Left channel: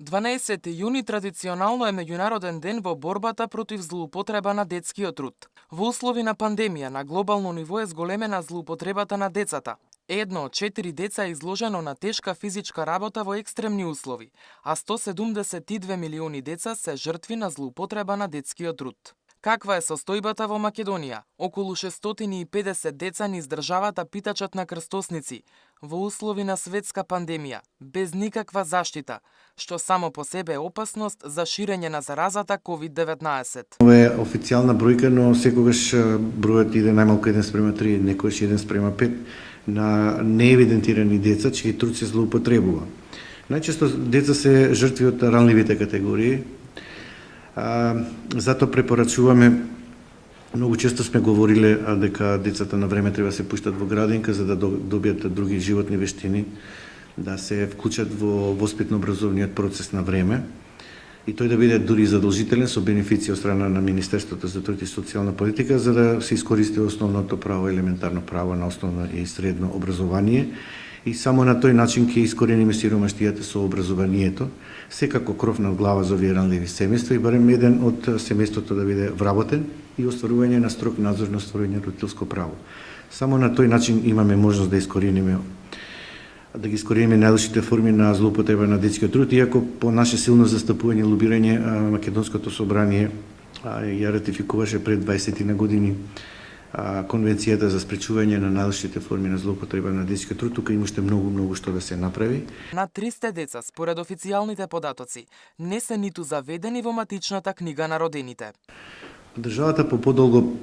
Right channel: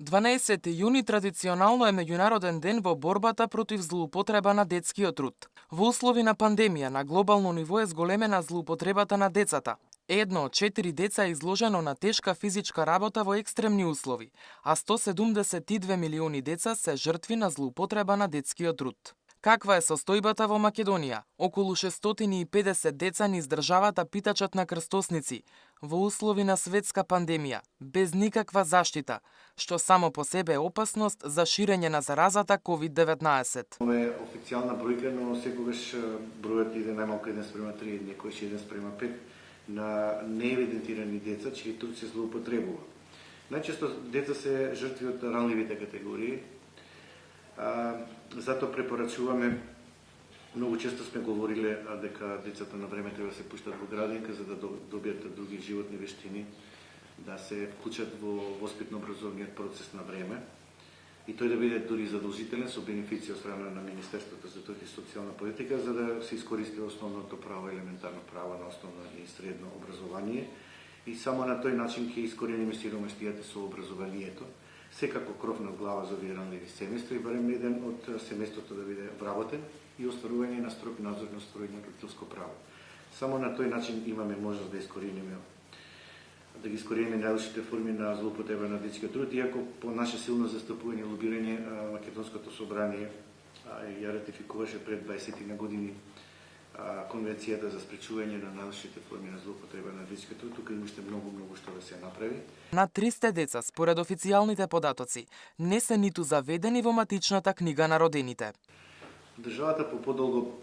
12 јуни традиционално е меѓународен ден во борбата против злоупотреба на детскиот труд. Во услови на пандемија на глобално ниво е зголемена злоупотребата на децата. Едно од 4 деца е изложено на тешка физичка работа во екстремни услови, а 172 милиони деца се жртви на злоупотреба на детскиот труд. Каква е состојбата во Македонија? Околу 650 деца низ државата питачат на крстосници, во услови на светска пандемија, без никаква заштита, што само по себе е опасност за ширење на заразата COVID-19. Ова е официјална бројка, но секогаш бројот иде најмалку 1:3, некогаш 1:5 на неевидентирани деца, чиј труд се злоупотребува. Најчесто деца се жртви од ранливите категории. Затоа препорачуваме, многу често сме говориле дека децата на време треба се пуштат во градинка за да добијат други животни вештини, да се вклучат во воспитно-образовниот процес на време и тој да биде дури задолжителен со бенефиција од страна на Министерството за труд и социјална политика за да се искористи основното право, елементарно право на основно и средно образование и само на тој начин ќе искорениме сиромаштијата со образованието. Секако кров над глава за овие ранливи семејства и барем еден од семејството да биде вработен и остварување на строг надзор на остварување на родителско право. Само на тој начин имаме можност да ги искорениме најлошите форми на злоупотреба на детскиот труд, иако по наше силно застапување и лобирање Македонското собрание ја ратификуваше пред 20 на години Конвенцијата за спречување на најлошите форми на злоупотреба на детскиот труд, тука има уште многу што да се направи. На 300 деца, според официјалните податоци, не се ниту заведени во матичната книга на родените. Државата по подолго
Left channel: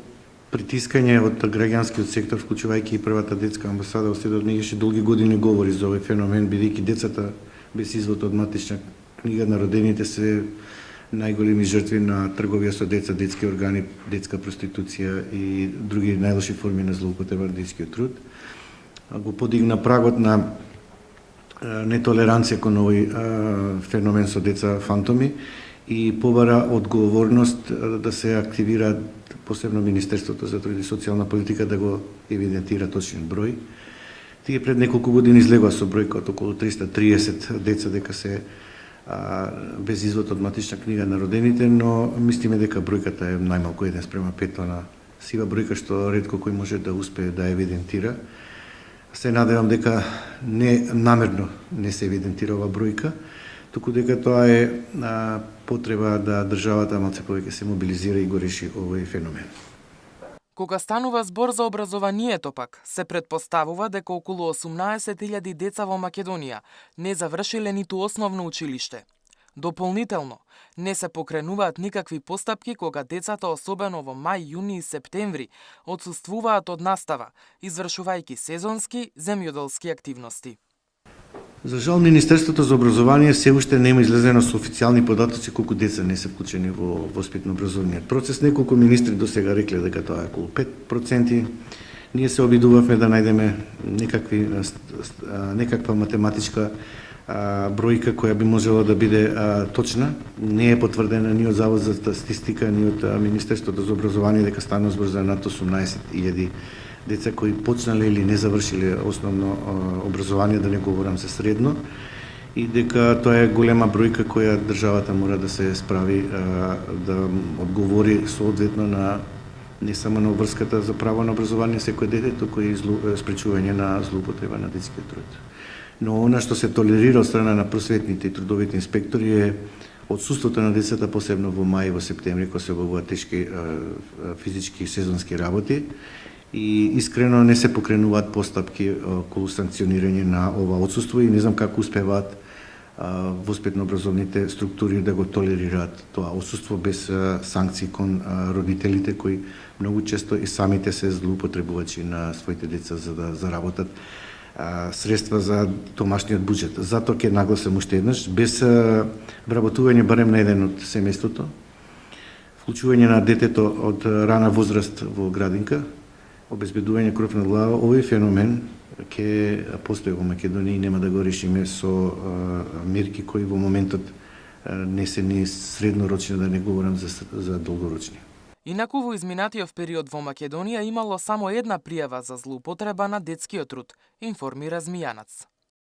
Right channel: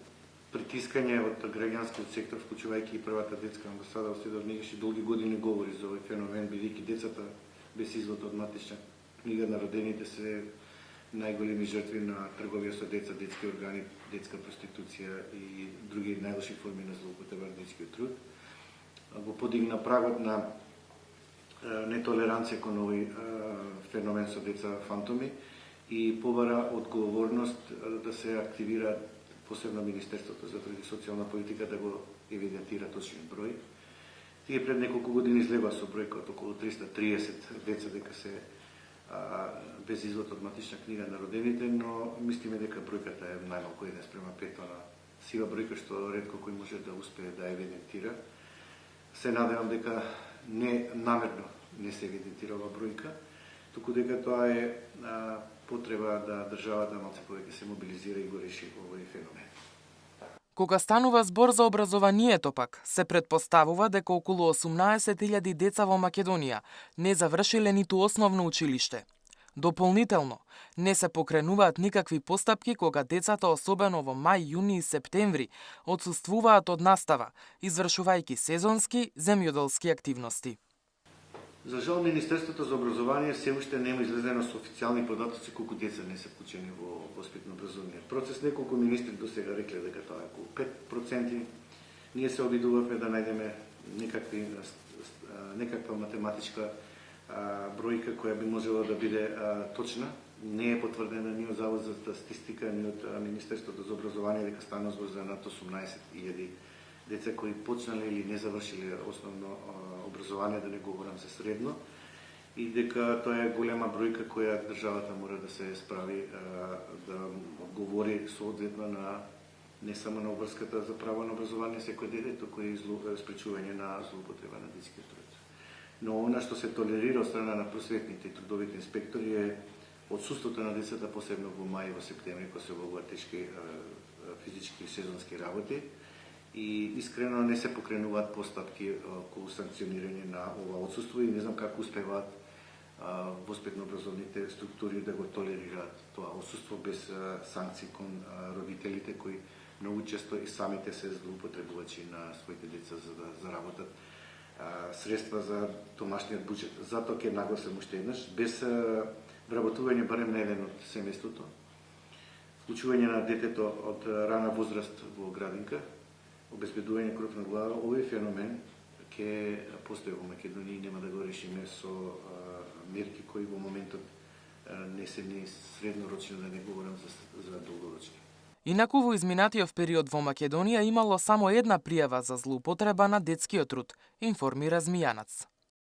притискање од граѓанскиот сектор, вклучувајќи и првата детска амбасада, още до днешни долги години говори за овој феномен, бидејќи децата без извод од матична книга на родените се најголеми жртви на трговија со деца, детски органи, детска проституција и други најлоши форми на злоупотреба на детскиот труд. Го подигна прагот на нетолеранција кон овој феномен со деца фантоми и побара одговорност да се активира посебно Министерството за труд и социјална политика да го евидентира точен број. Тие пред неколку години излегува со бројка од околу 330 деца дека се без извод од матична книга на родените, но мислиме дека бројката е најмалку 1:5, на сива бројка што ретко кој може да успее да евидентира. Се надевам дека не намерно не се евидентира ова бројка, туку дека тоа е потреба да државата малце повеќе се мобилизира и го реши овој феномен. Кога станува збор за образованието пак, се предпоставува дека околу 18.000 деца во Македонија не завршиле ниту основно училиште. Дополнително, не се покренуваат никакви постапки кога децата, особено во мај, јуни и септември, отсуствуваат од настава, извршувајќи сезонски земјоделски активности. За жал, Министерството за образование се уште нема излезено со официјални податоци колку деца не се вклучени во воспитно-образовниот процес. Неколку министри до сега рекле дека тоа е околу 5%. Ние се обидувавме да најдеме некаква математичка бројка која би можела да биде точна. Не е потврдена ни од Завод за статистика, ни од Министерството за образование дека станува збор за над 18.000 деца кои почнале или не завршиле основно образование, да не говорам за средно, и дека тоа е голема бројка која државата мора да се справи да одговори соодветно на не само на обврската за право на образование секој дете, туку и спречување на злоупотреба на детскиот труд. Но она што се толерира од страна на просветните и трудовите инспектори е отсуството на децата, посебно во мај и во септември, кога се обавуваат тешки физички и сезонски работи, и искрено не се покренуваат постапки околу санкционирање на ова отсуство и не знам како успеваат воспитно-образовните структури да го толерираат тоа отсуство без санкции кон родителите кои многу често и самите се злоупотребувачи на своите деца за да заработат средства за домашниот буџет. Затоа ќе нагласам уште еднаш, без вработување барем на еден од семејството, вклучување на детето од рана возраст во градинка, обезбедување кров над глава, овој феномен ќе постои во Македонија и нема да го решиме со мерки кои во моментот не се ни среднорочни, да не говорам за долгорочни. Инаку во изминатиот период во Македонија имало само една пријава за злоупотреба на детскиот труд, информира Змијанац.